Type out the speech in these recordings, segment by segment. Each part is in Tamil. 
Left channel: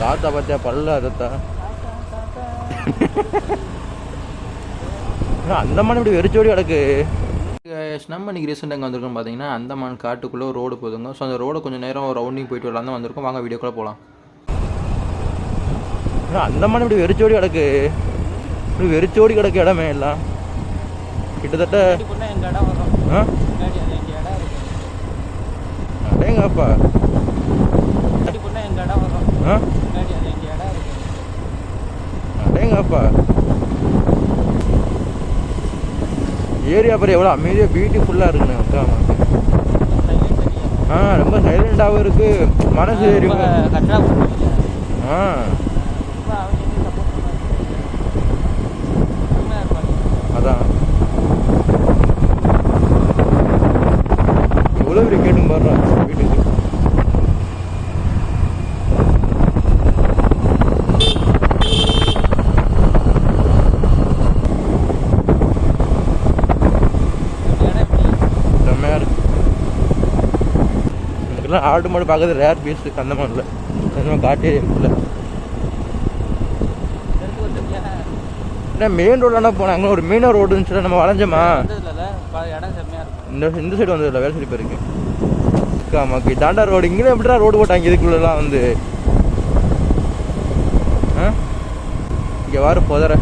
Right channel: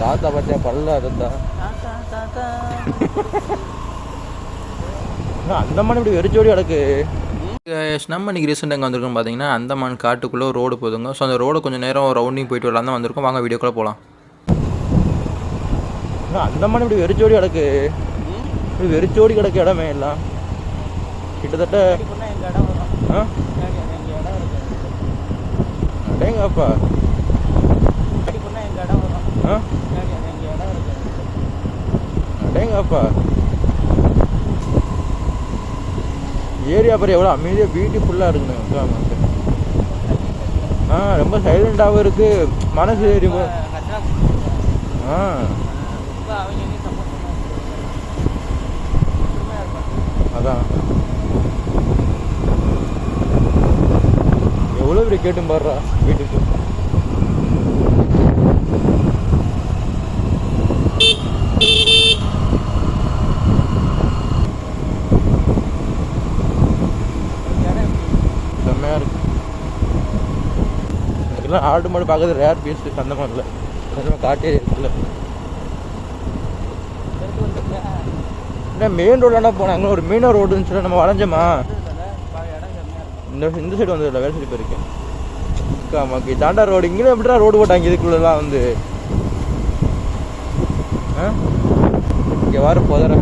தாத்தா பார்த்தியா பல்ல அதத்தா அந்தமான் இப்படி வெறிச்சோடி கிடக்கு. நம்ம இன்றைக்கி ரீசெண்டாக எங்கே வந்திருக்கோம் பார்த்தீங்கன்னா அந்தமான் காட்டுக்குள்ளே ரோடு போதுங்க. ஸோ அந்த ரோடு கொஞ்சம் நேரம் ரவுண்டிங் போயிட்டு வரலாம் தான் வந்திருக்கோம். வாங்க வீடியோக்குள்ளே போகலாம். அந்தமான் இப்படி வெறிச்சோடி கிடக்கு. இப்படி வெறிச்சோடி கிடக்கு இடமே எல்லாம் கிட்டத்தட்ட. அடேங்கப்பா. அடேங்கப்பா. ஏரியா பாரு எவ்வளோ அமைதியாக பியூட்டிஃபுல்லாக இருக்குண்ணே. ரொம்ப சைலண்டாகவும் இருக்குது. மனசு ஏறி அதான் எவ்வளோ இப்படி கேட்டும் பாடுறா வீட்டுக்கு. செம்மையாக இருக்கு. எனக்குலாம் ஆடு மாடு பார்க்கறது ரேர் பீஸ் அந்தமானில். காட்டே இருக்குல்ல. மெயின் ரோடானா போனேன். அங்கே ஒரு மீனவர் ரோடுன்னு சொல்லி நம்ம வளைஞ்சோமா. இந்த சைடு வந்ததில்ல, வேலை சைடு போயிருக்கேன். ஆமாக்கு தாண்டா ரோடு. இங்கே எப்படிடா ரோடு போட்டாங்க இதுக்குள்ளலாம் வந்து. இங்கே வார போதற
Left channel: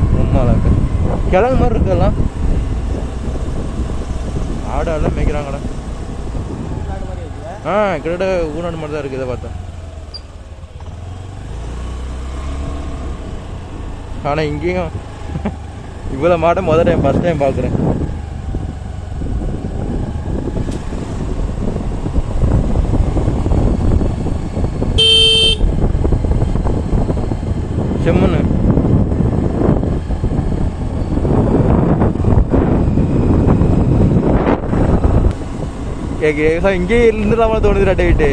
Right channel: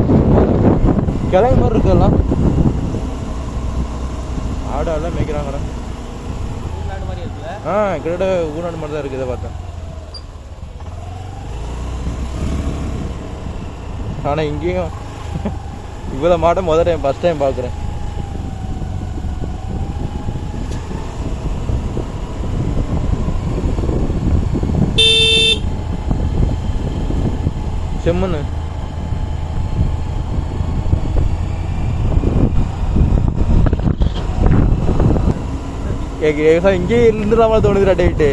கிழங்கு மாதிரி இருக்குல்லாம். ஆடெல்லாம் மேய்க்கிறாங்கடா. கிட்டத்தட்ட ஊர்நாடு மாதிரி தான் இருக்குது இதை பார்த்தா. ஆனால் இங்கேயும் இவ்வளோ மாட்டை முதல்ல ஃபஸ்ட் டைம் பார்க்குறேன். செம்மண்ணு இங்கே இருந்துலாமா தோணுது டேவிட்டு.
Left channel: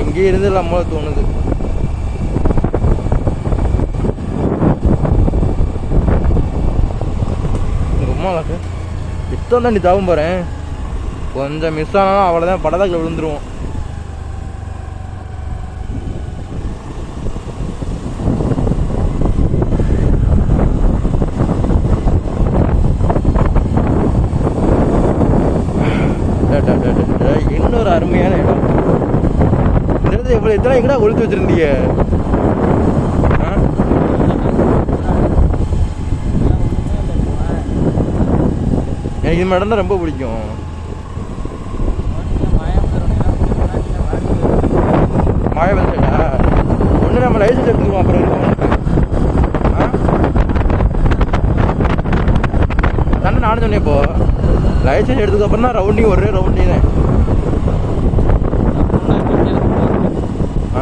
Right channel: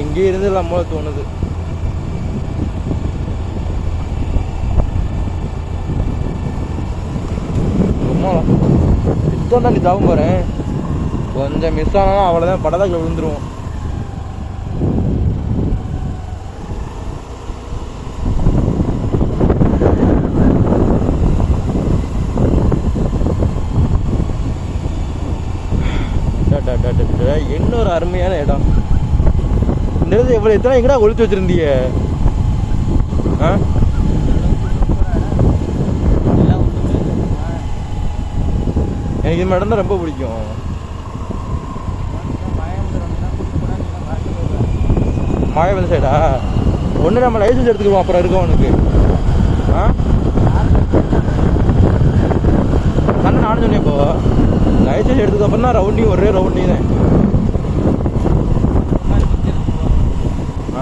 இங்கே இருந்துலாமா தோணுது. உங்க இத்தம் தான் நீ தாவும் போறேன். கொஞ்சம் மிஸ் ஆனாலும் அவ்வளோதான், படதாக்கில் விழுந்துருவோம். இன்னொரு அருமையான இடம். இந்த இடத்துல எவ்வளோ எத்தனை எங்கடா ஒழித்து வச்சிருந்தீங்க? எனக்கு இந்த இடம் தான் ரொம்ப பிடிக்கும். மாயவன் சைடா? ஒன்று நம்ம லைசன்ஸ் எடுத்துக்குவோம், அப்புறம் இருக்கோம் உனக்கு. தானே நானும் சொன்னேன். இப்போ லைசன்ஸ் எடுத்ததுக்கு அப்புறம் தான் ரவுண்டிங், ஒரே ரவுண்டிங் தான்.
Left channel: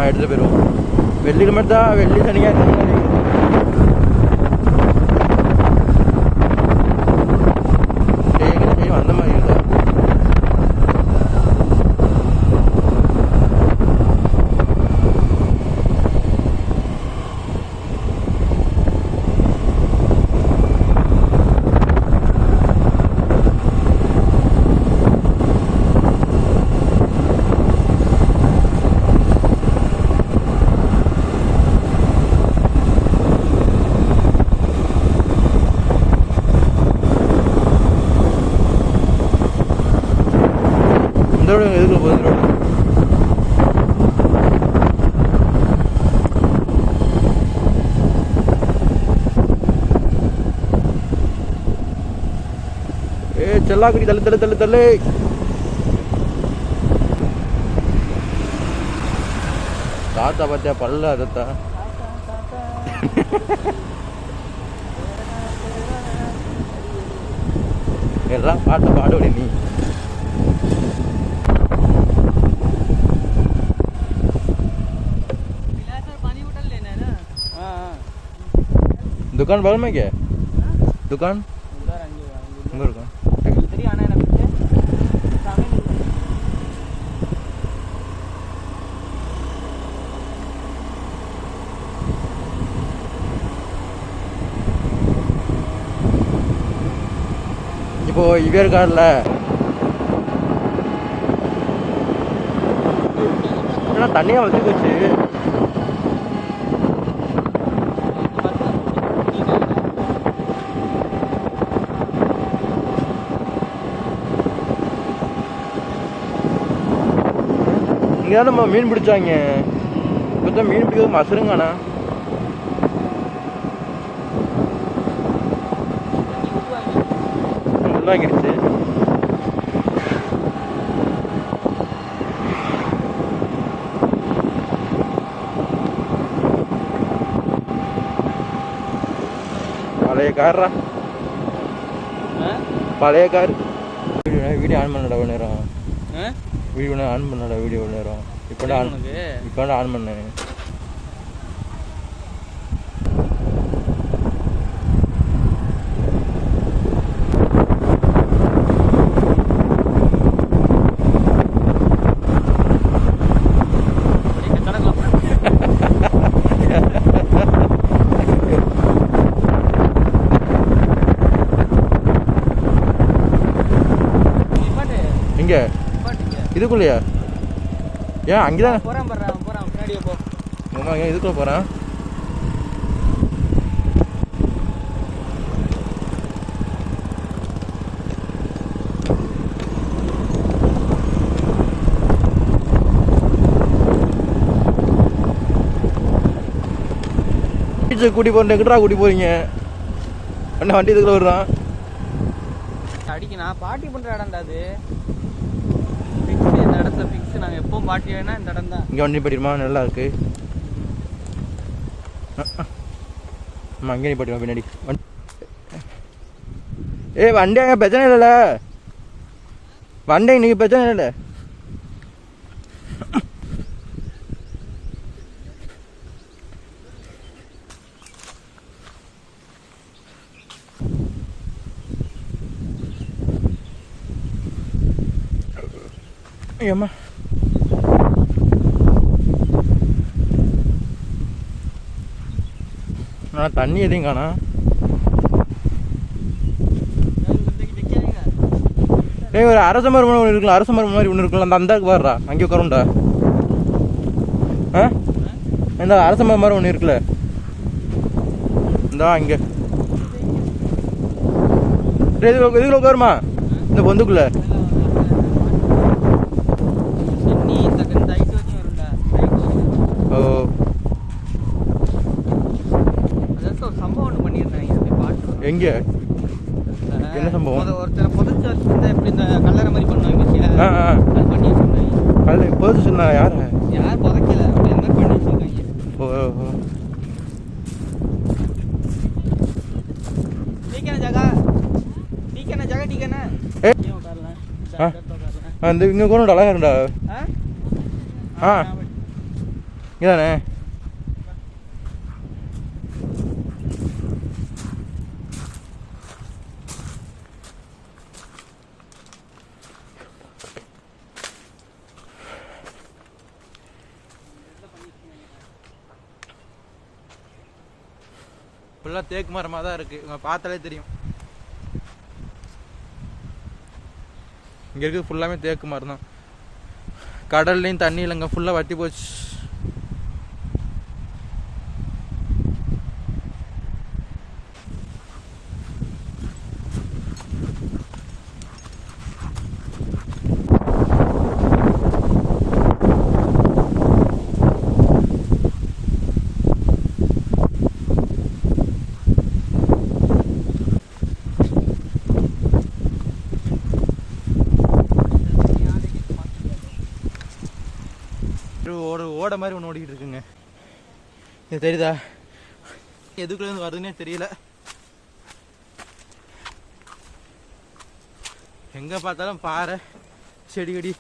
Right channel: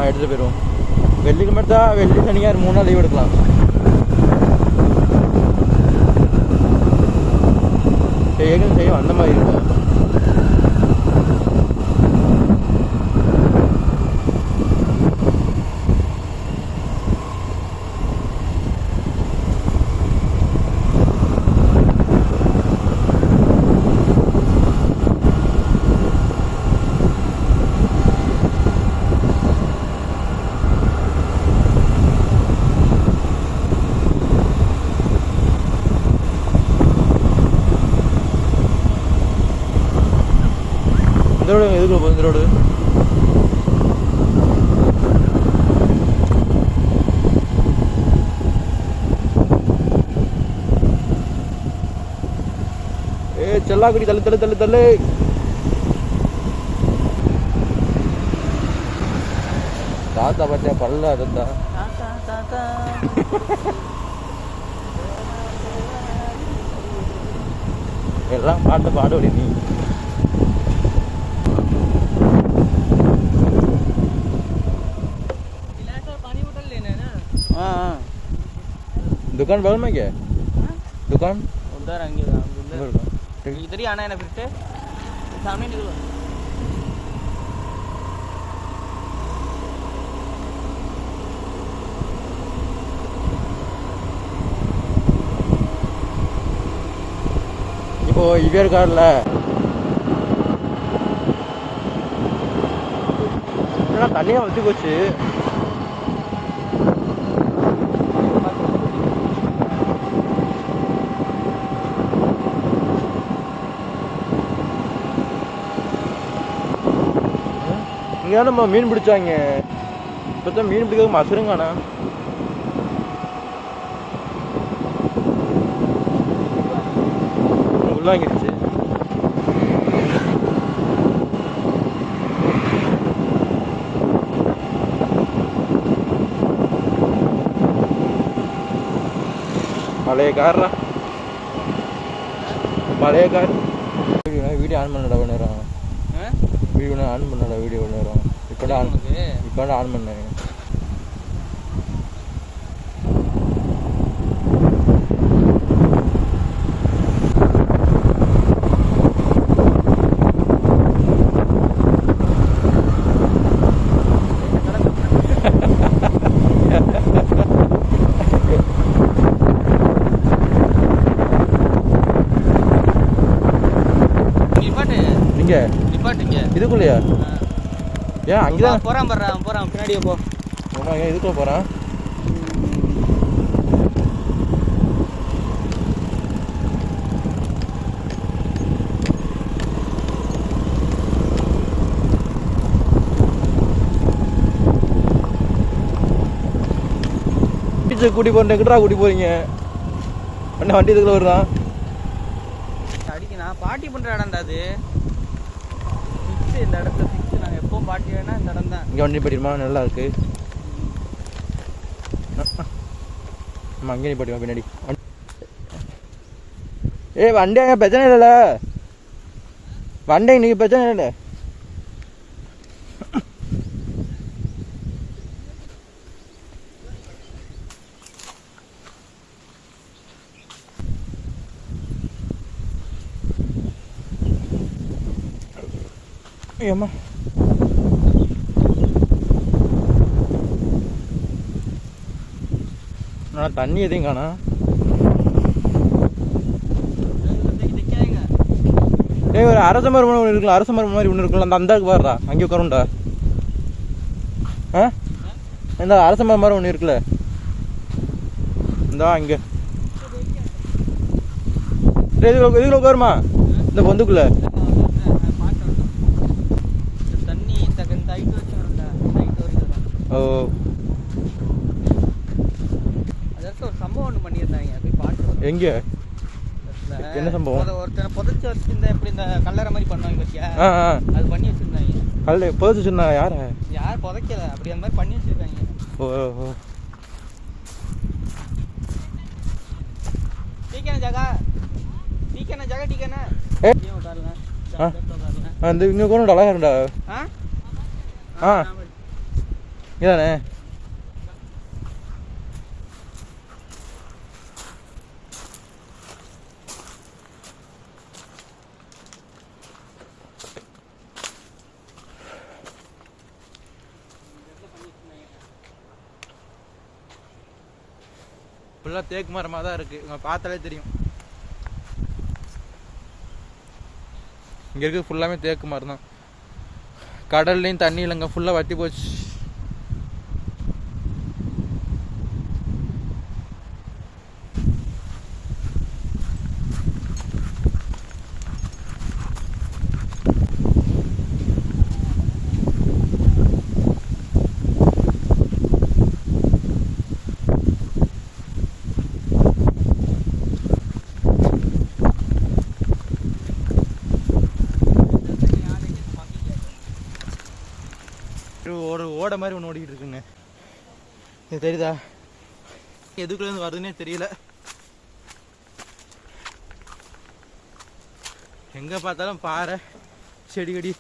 எடுத்துகிட்டு போயிடுவோம். வெள்ளிக்கிழமை தான், வெள்ளி சனியாக 3 நாள் லீவ் எடுக்கலாம். செய்யும் அந்த மாதிரி இருக்கா? இந்த ரோடு எதுக்குள்ள போகுது? இந்த ரோடு செல்லாக்குடி தள்ளு தள்ளு தள்ளு தள்ளு. தாத்தா பார்த்தியா பல்ல அதத்தா எல்லாம் பாட்டு பாடுவடி நீ. दुकान बगल में क्या है? दुकान उधर इधर ही आना है ना, फिर सामने निकलो. இப்போ இவர் கார்ல ஏன்னா தண்ணியாக வச்சு போச்சு. இங்கே நம்ம மீன் பிடிச்சாங்க. இப்போ தான் மீன் பிடிக்கிறது மசுருங்கண்ணா. உள்ளாங்கிடுச்சு. பழைய காரா, பழைய கார். வீடியோ ஆன் பண்ணடா நேரம். Video on பண்ணடா. வீடியோ நேரம் இப்போ ஆன் பண்ணேன். இங்க இதுக்குள்ளயா? ஏன் அங்கதான் போறான் பின்னாடியே போ. ஏன் இதுக்குள்ள போறான்? கூட்டி போறேன். எங்கடா கூட்டி போறீங்க? அண்ணா வண்டி இதுக்குள்ள வருறான். அடிக்க நான் பாட்டி பண்ற இடம்டா அது. இந்த இடத்துல ஃபிக்ஸ். நாங்கள் எப்பவும் பாட்டி வேணா இந்த இடம் தான். இங்கே வண்டி படிமா நல்லா இருக்கு. ஆமாம் அங்கே நீ படிமா பின்னாடி. வண்டி அங்கே பிரச்சனை இல்லைல்ல. வண்டி இன்னைக்கு பிரச்சனை இல்லை. ஏம்மா நான் தண்ணி எதையும் காணா. ஒரு அரச மரம் ஒன்று இருக்குல்ல, அரச மரம் மாதிரி ஒன்று இருக்குல்ல, அந்த அந்தாக்கு பாடுறா. அங்கே உட்காருண்டா. இந்த அரச மரம் மாதிரி ஒன்று இருக்குல்ல, இந்தா இங்கே. இதுக்குள்ள உட்காருமா இந்த பொந்துக்குள்ள. ஓ எங்க என்ன சம்பவம்? கல்ல பொதுச்சு சொன்னா யார? ஓ அந்த இங்க கூட அழகா இருக்குடா. இதானே ஃபுல்லாக தேக்கு மரமாக தான் இருக்குது. இவங்க பார்த்தாலே தெரியும். இங்கே இருக்குது ஃபுல்லாமே தேக்கு மரம் தான். கடல்லையும் தண்ணி இல்லைங்க, ஃபுல்லாக வத்தி போச்சு. ஓட மாதிரி ஒன்று ஓடிக்கிட்டு இருக்குங்க. இது தெரியுதா? எதுக்குள்ளேருந்து வருதுன்னே தெரியல. எங்கே பார்த்தாலும் பாறை செடி கொடி.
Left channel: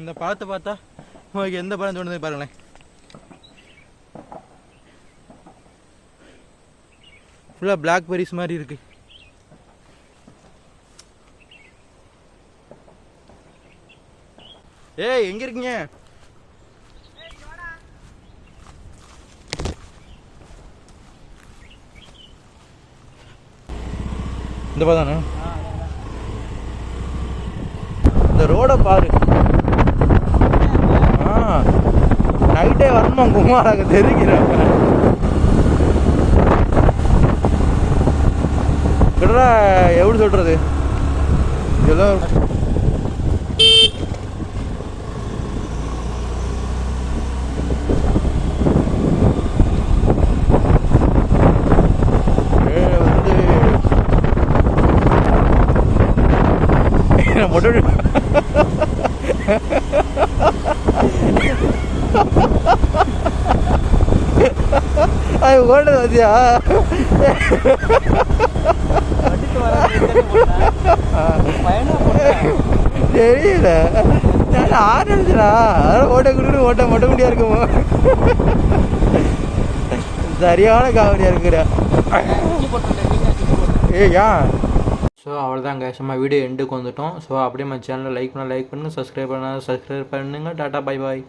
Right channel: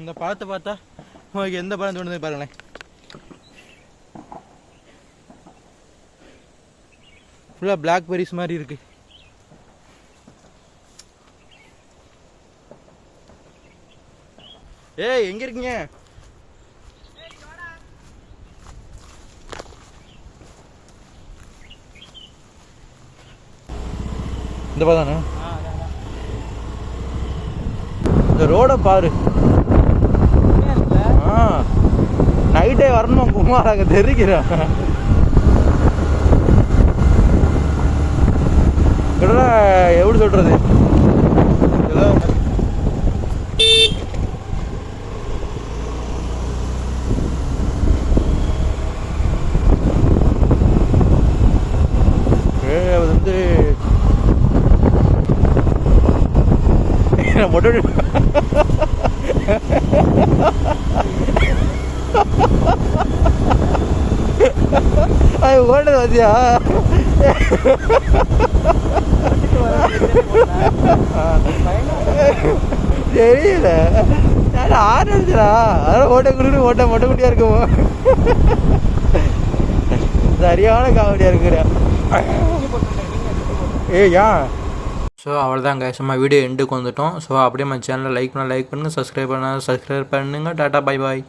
இந்த பழத்தை பார்த்தா உங்களுக்கு எந்த பழம் தோணுது பாருங்களேன். ஃபுல்லாக பிளாக்பெரிஸ் மாதிரி இருக்கு. ஏய் எங்கே இருக்கீங்க? இந்த பாதானே இந்த ரோட பாரு. நைட்டே வரணும் குமாராக தெரிக்கிறேன் கிட்ட எப்படி சொல்கிறது ஏதோ வந்து மொட்டை அது ஓட்டது வந்தியா தெரியல நான் ஆறு அடிச்சா அதெல்லாம் ஓட்ட குடுக்கணும் ஓட்ட மொட்டை முடியா இருக்குமோ சரியான காமெடியா இருக்கிற ஏன் ஸோ அவ்வளோதாங்க சும்மா வீடியோ எண்டுக்கு வந்துட்டோம் ஸோ அப்படியே நம்ம சேனலை லைக் பண்ணுங்கள் சப்ஸ்கிரைப் பண்ணுங்கள் டாட்டா பை பாய்